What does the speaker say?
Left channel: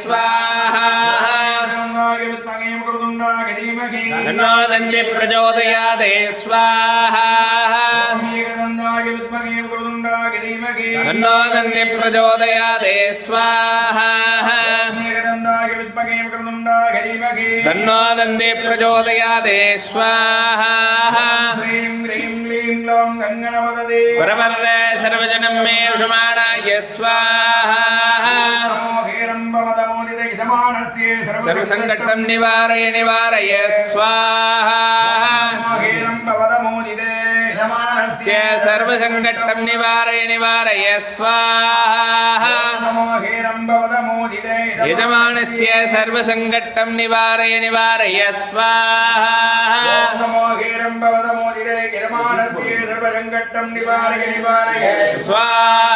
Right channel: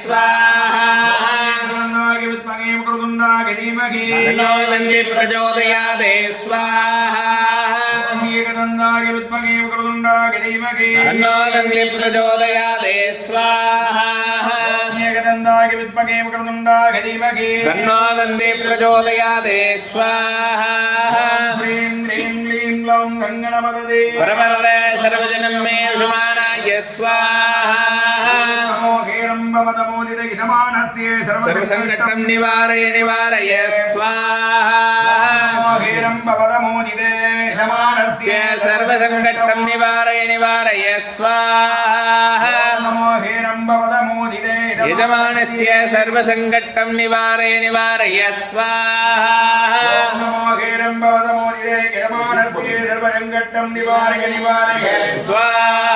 स्वाहा नन्दी प्रचोदयादे स्वाहा नो नन्दी प्रचोदयादे स्वाहा नो नन्दी प्रचोदयादे स्वाहा श्रीं ह्रीं क्लीं ग्लौं गङ्गणपदे परमरले सर्वजनं मे सुमानाय स्वाहा സർവസങ്കടം നിവാരയ നിവാരയ സ്വാഹ സർവസങ്കടം നിവാരയ നിവാരയ സ്വാഹ യജമാനസ്യ സർവസങ്കടം നിവാരയ നിവാരയ സ്വാഹ സ്വാഹ